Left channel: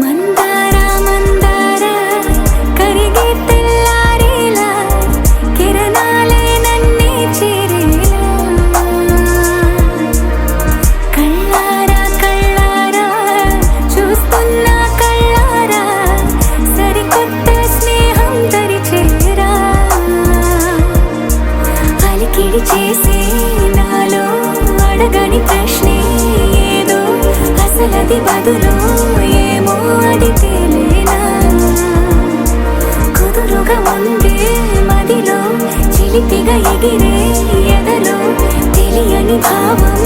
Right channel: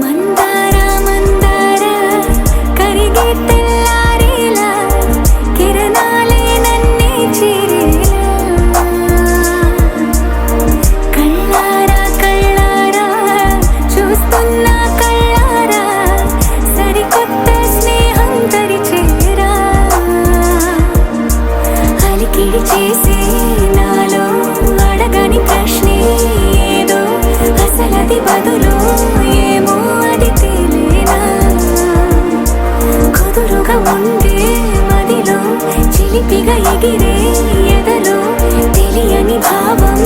మందార మందార కరిగే తెల్లారేలా కిరణాలే నన్నే చేరేలా కళ్ళారా కళ్ళారా చూస్తున్నా కళ్ళారా సరికొత్త స్నేహం తరిచేరా అలికిడి చేసే నాలో అడగని ప్రశ్నే ఏదో అసలది బదులు ఏమో అది తేలేనా కుదురుగా ఉండే మదిలో చిలిపిగా ఎగిరే ఎదలో తెలియని భావం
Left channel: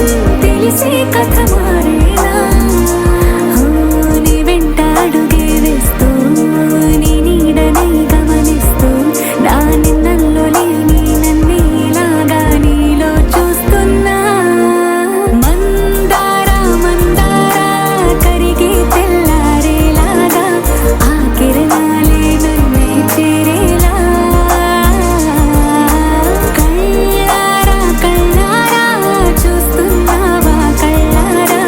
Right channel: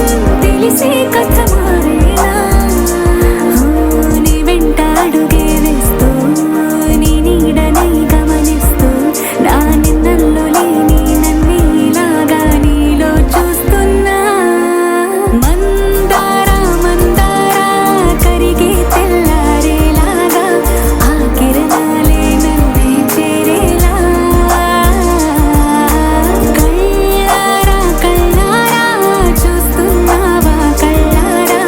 తెలిసే కథ మారేనా నీ వెంట అడుగే వేస్తూ నీ నీడనై గమనిస్తూ నా నిన్నల్లో లేని నన్నే ఇలాగా నీలో చూస్తున్నా మందార మందార కరిగే తెల్లారేలాగా ఆ కిరణాలే నన్నే చేరేలా కళ్ళారా కళ్ళారా చూస్తున్నావా కళ్ళారా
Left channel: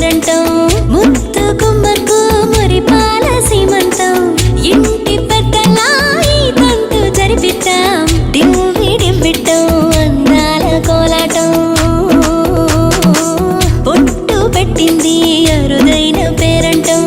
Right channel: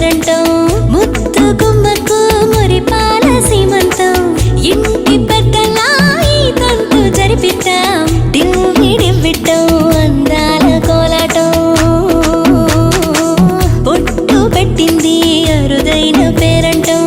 పేరంటం ముత్తు గుమ్మకు మురిపాల సీమంతం ఇంటి పెద్దలా ఈ తంతు జరిపిద్దాం డివ్విడివ్విట్టం అందాల కోలాటం పొట్టు పెట్టింది అరుదైన పేరంటం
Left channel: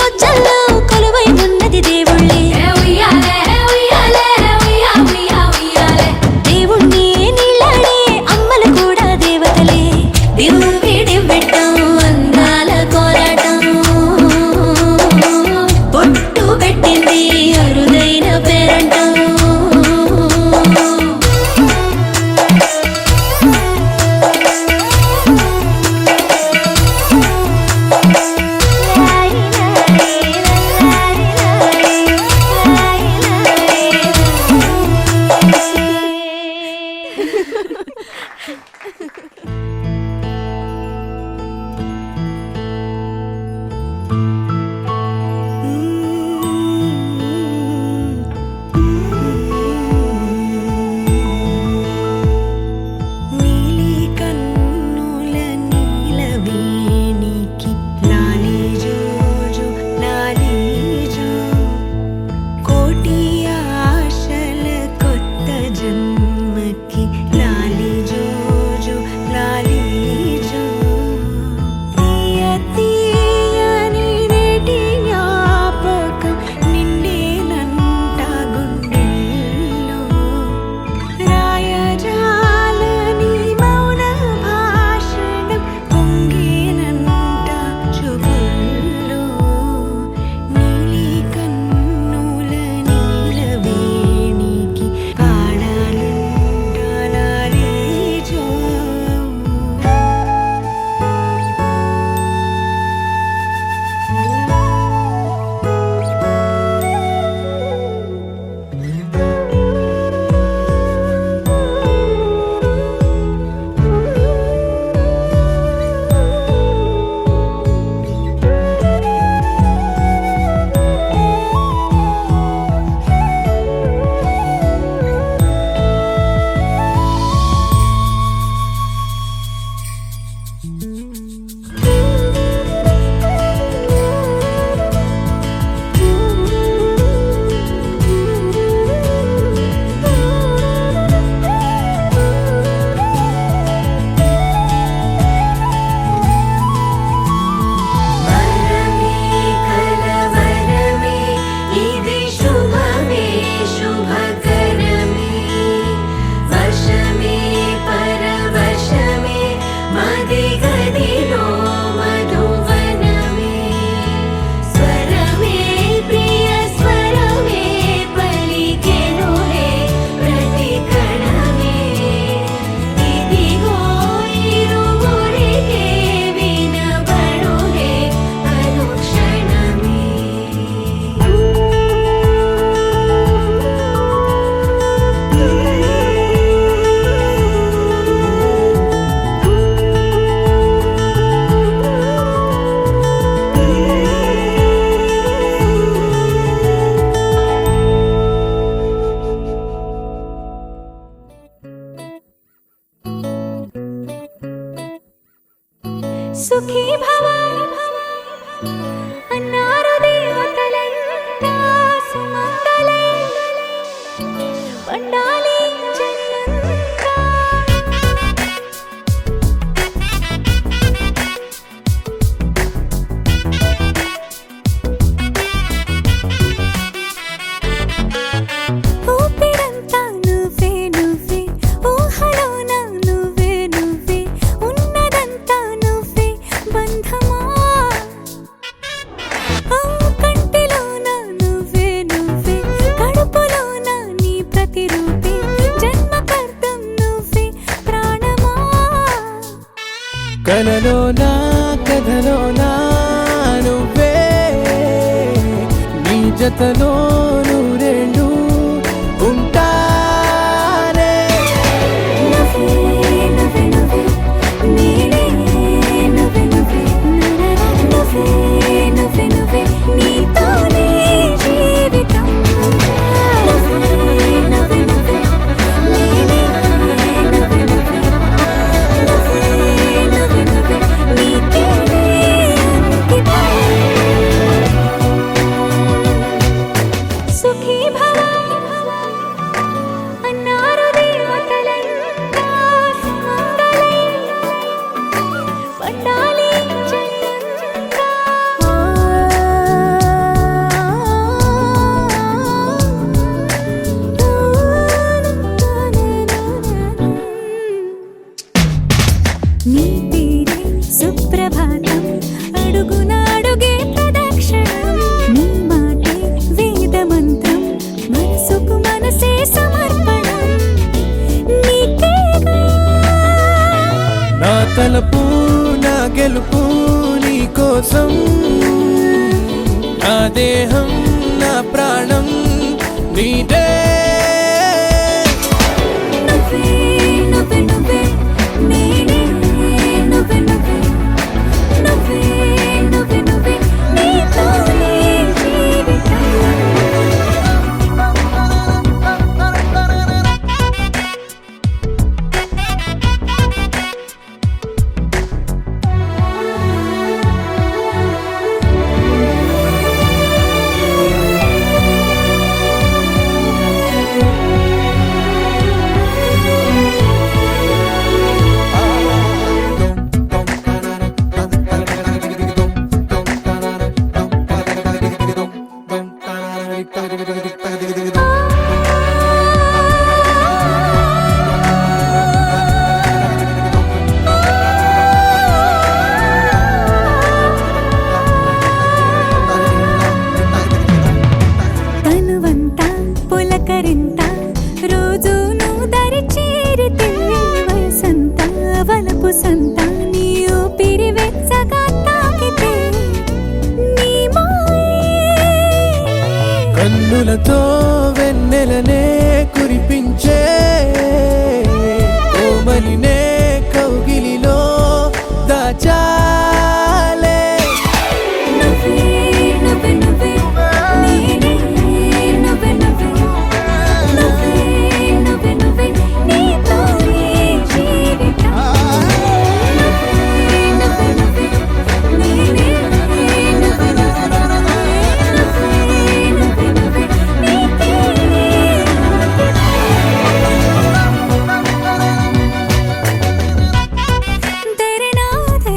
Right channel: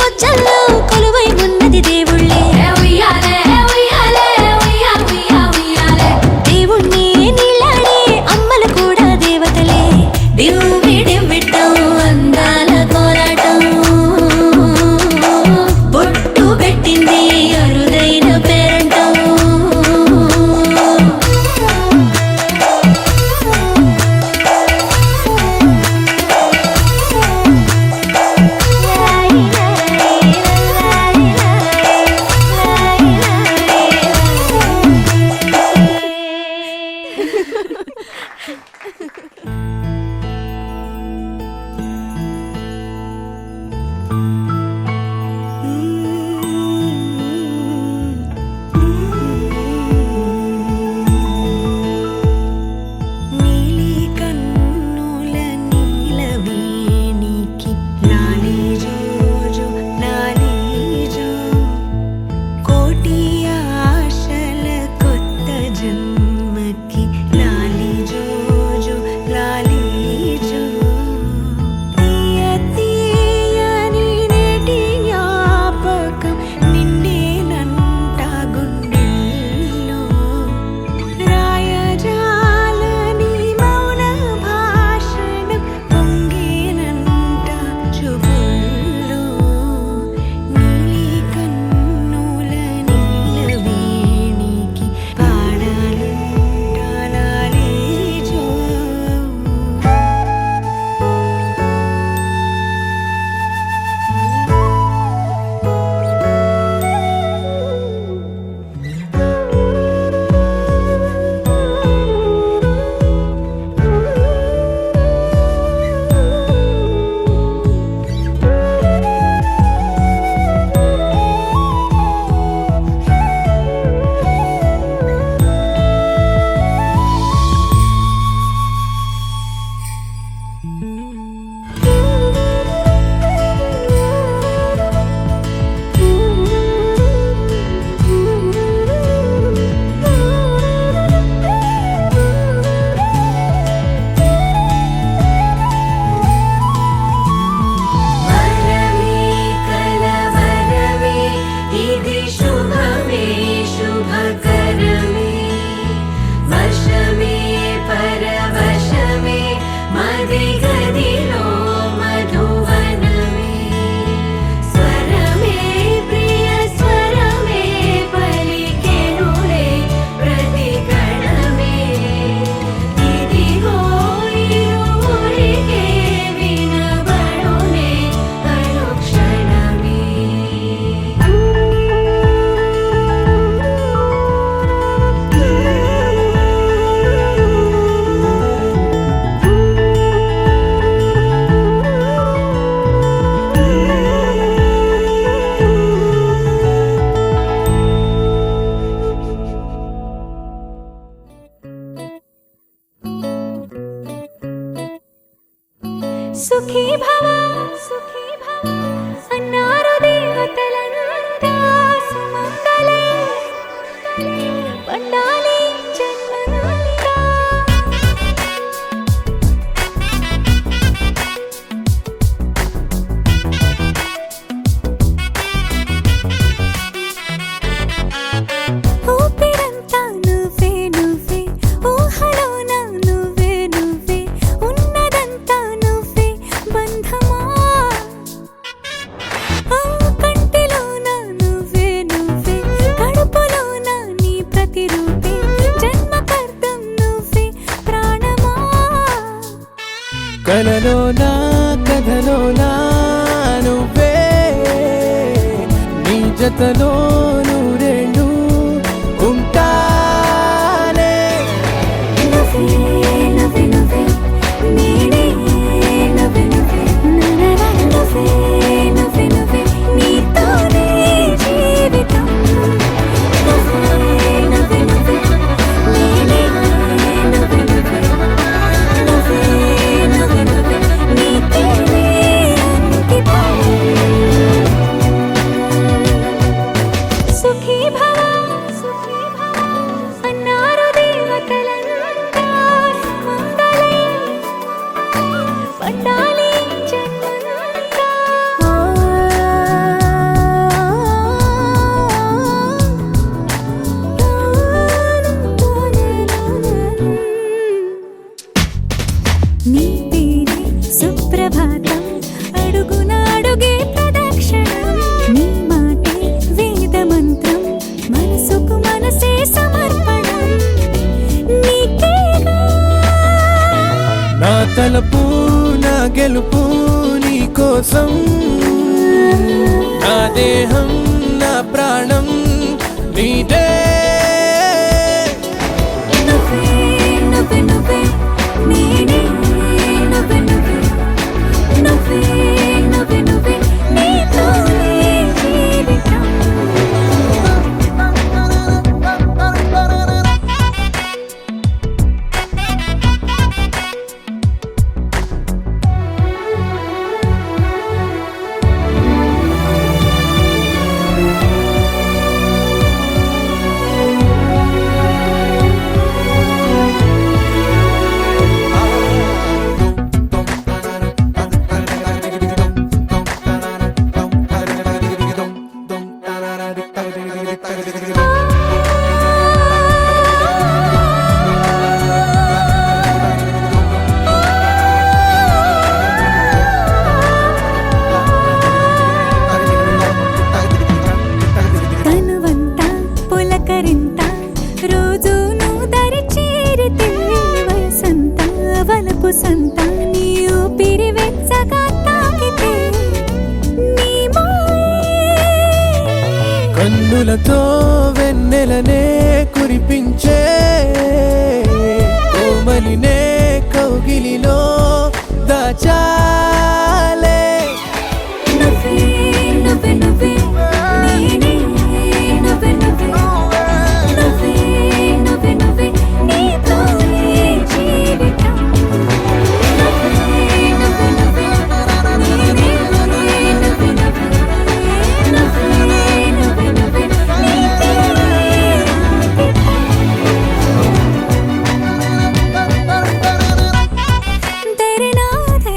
బొజ్జల్లో కొలువై ఉన్నది దేవుళ్ళే దేవుణ్ణి నీళ్ళాడే అమ్మలు కూడా దేవతలే డివ్విడివ్విట్టం అందాల కోలాటం పొట్టు పెట్టింది అరుదైన పేరంటం సుఖీ భవ అన్నారు దేవతలంతా సుమంగళే పండాలి జన్మంతా. ఊపిరంతా నువ్వే నువ్వే ఊహలోన నువ్వే నువ్వే ఉన్నదంతా నువ్వే బంధమా. ఆ కంటిలోన నువ్వే నువ్వే కడుపులోన నీ ప్రతిరూపే జన్మకర్తం నువ్వే ప్రాణమా. కలలోనా కథలోనా నువ్వే నీ జతలో నూరేళ్ళు ఉంటానే. నువ్వే నువ్వే నువ్వే నేనే నువ్వే నువ్వే నరర నువ్వే నువ్వే నువ్వే నీతోనే జీవితం. నువ్వే నువ్వే నువ్వే నేనే నువ్వే నువ్వే నువ్వే నువ్వే నువ్వే నీతోనే అంకితం. సుఖీ భవ అన్నారు దేవతలంతా సుమంగళే పండాలి జన్మంతా. నీ పేరే సుప్రభాతం అడుగున అడుగే ప్రదక్షిణం. నీ మాటే వేదమంత్రం మనసుకు మనసే సమర్పణం. నీకేగా నా తలపు నా గెలుపు నీ కోసం, నా దేహం నా ప్రాణం నీదే. నువ్వే నువ్వే నువ్వే నేనే నువ్వే నువ్వే నువ్వే నువ్వే నువ్వే నీతోనే జీవితం. తనువంతా పులకరింత రోజు నువ్వు దరి చేరితే వయసంతా వలపు సంత నీ ఊపిరి వెచ్చగా తాకితే నీ మాయే కన్నులతో వెన్నెలనే కురిపించే కోమలినే కౌగిలిలో దాచాలే. నువ్వే నువ్వే నువ్వే నేనే నువ్వే నువ్వే నువ్వే నువ్వే నువ్వే నీతోనే జీవితం. నువ్వే నువ్వే నువ్వే నేనే నువ్వే నువ్వే నువ్వే నువ్వే నువ్వే నీతోనే అంకితం. తెరే నాదే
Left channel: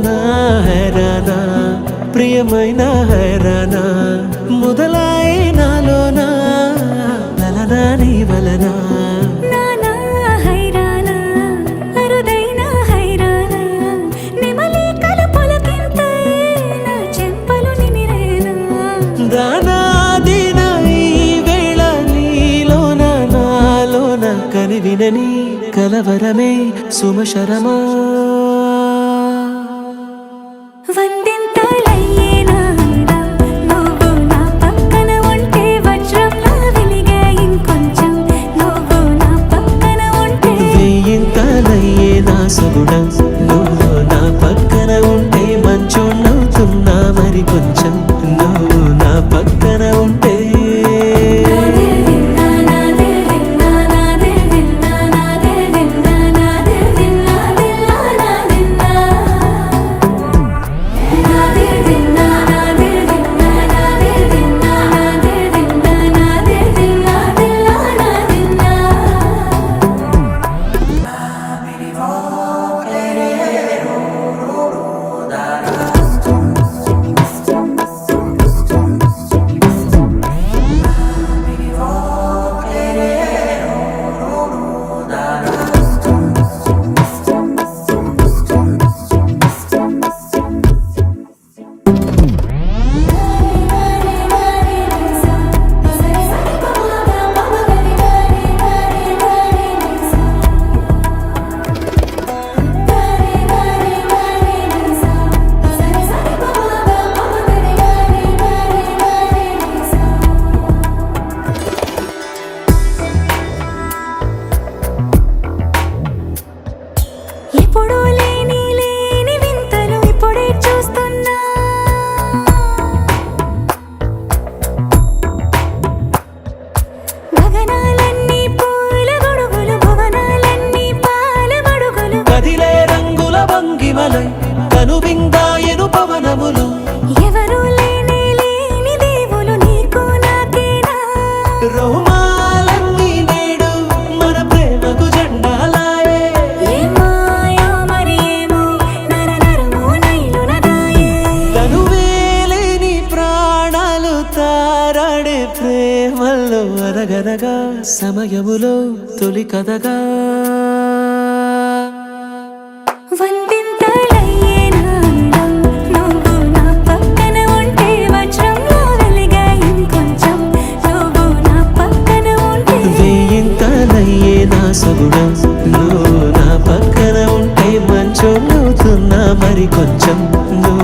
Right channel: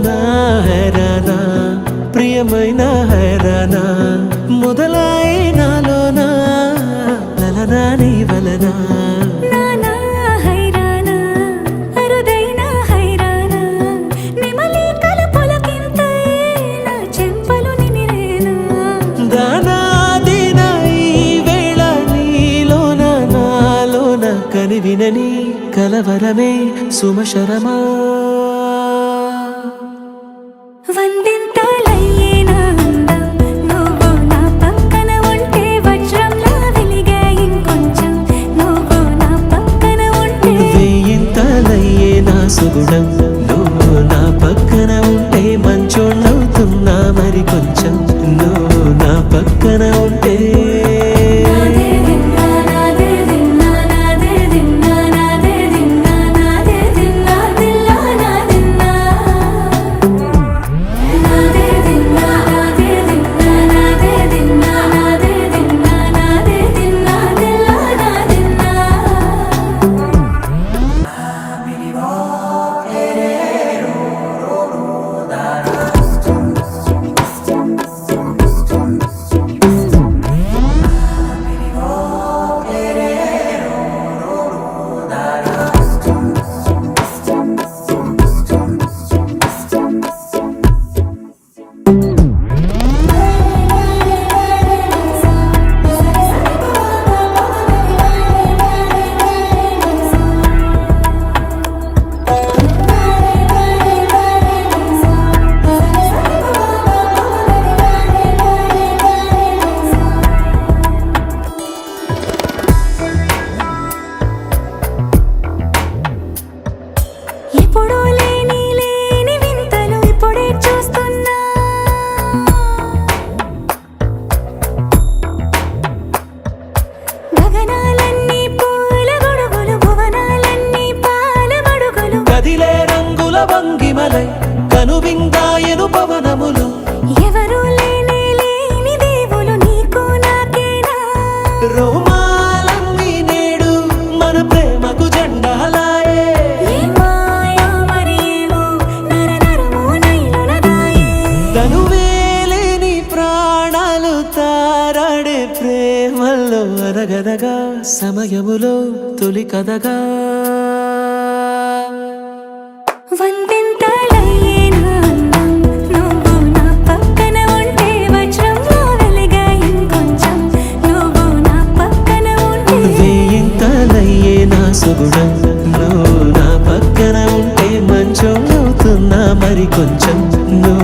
నా హైరానా ప్రియమైన హైరానా మొదలాయి నాలోనా లలనా నీ వలనా నానా హైరానా అరుదైన హైరానా నెమలి కలుపులకింతై నా చెంపలు నిమిరేనా దానాదిన ఈ వేళ నీలోన నాలోన కనివినని కలవరమే సుమశరమా వందింతలయ్యేనా అందం నువ్వు నా పక్కన ఉంటే వజ్రంలా వెలిగే ఇంకొంచెం నువ్వు నా పక్కన ఉంటే వేయింతలయ్యే నా సుగుణం నువ్వు నా పక్కన ఉంటే మంచోళ్ళవుతున్నా మరి కొంచెం నువ్వు నా పక్కన ఉంటే ఎప్పుడూ లేని లేని వింతలు ఇప్పుడే చూస్తున్నా గగనాలన్నీ పూల గొడుగులు భువనాలన్నీ పాల మడుగులు కదిలే రంగుల భంగిమలై కనువిందాయను పవనములు ఎవరూ లేని లేని దేవులు నీకు నాకేనా రోమాలన్నీ నేడు మన ప్రేమకు జెండాలాయే ఏ మాయో మరి ఏమో నరనరమో నైలున దాయే తనువేలేని ప్రాణాలు తారాడే ప్రేమల్లో అనగనగా సమయములో తొలి కథగా వందింతలయ్యేనా అందం నువ్వు నా పక్కన ఉంటే వజ్రంలా వెలిగే ఇంకొంచెం నువ్వు నా పక్కన ఉంటే వేయింతలయ్యే నా సుగుణం నువ్వు నా పక్కన ఉంటే మంచోళ్ళవుతున్నా మరి కొంచెం నువ్వు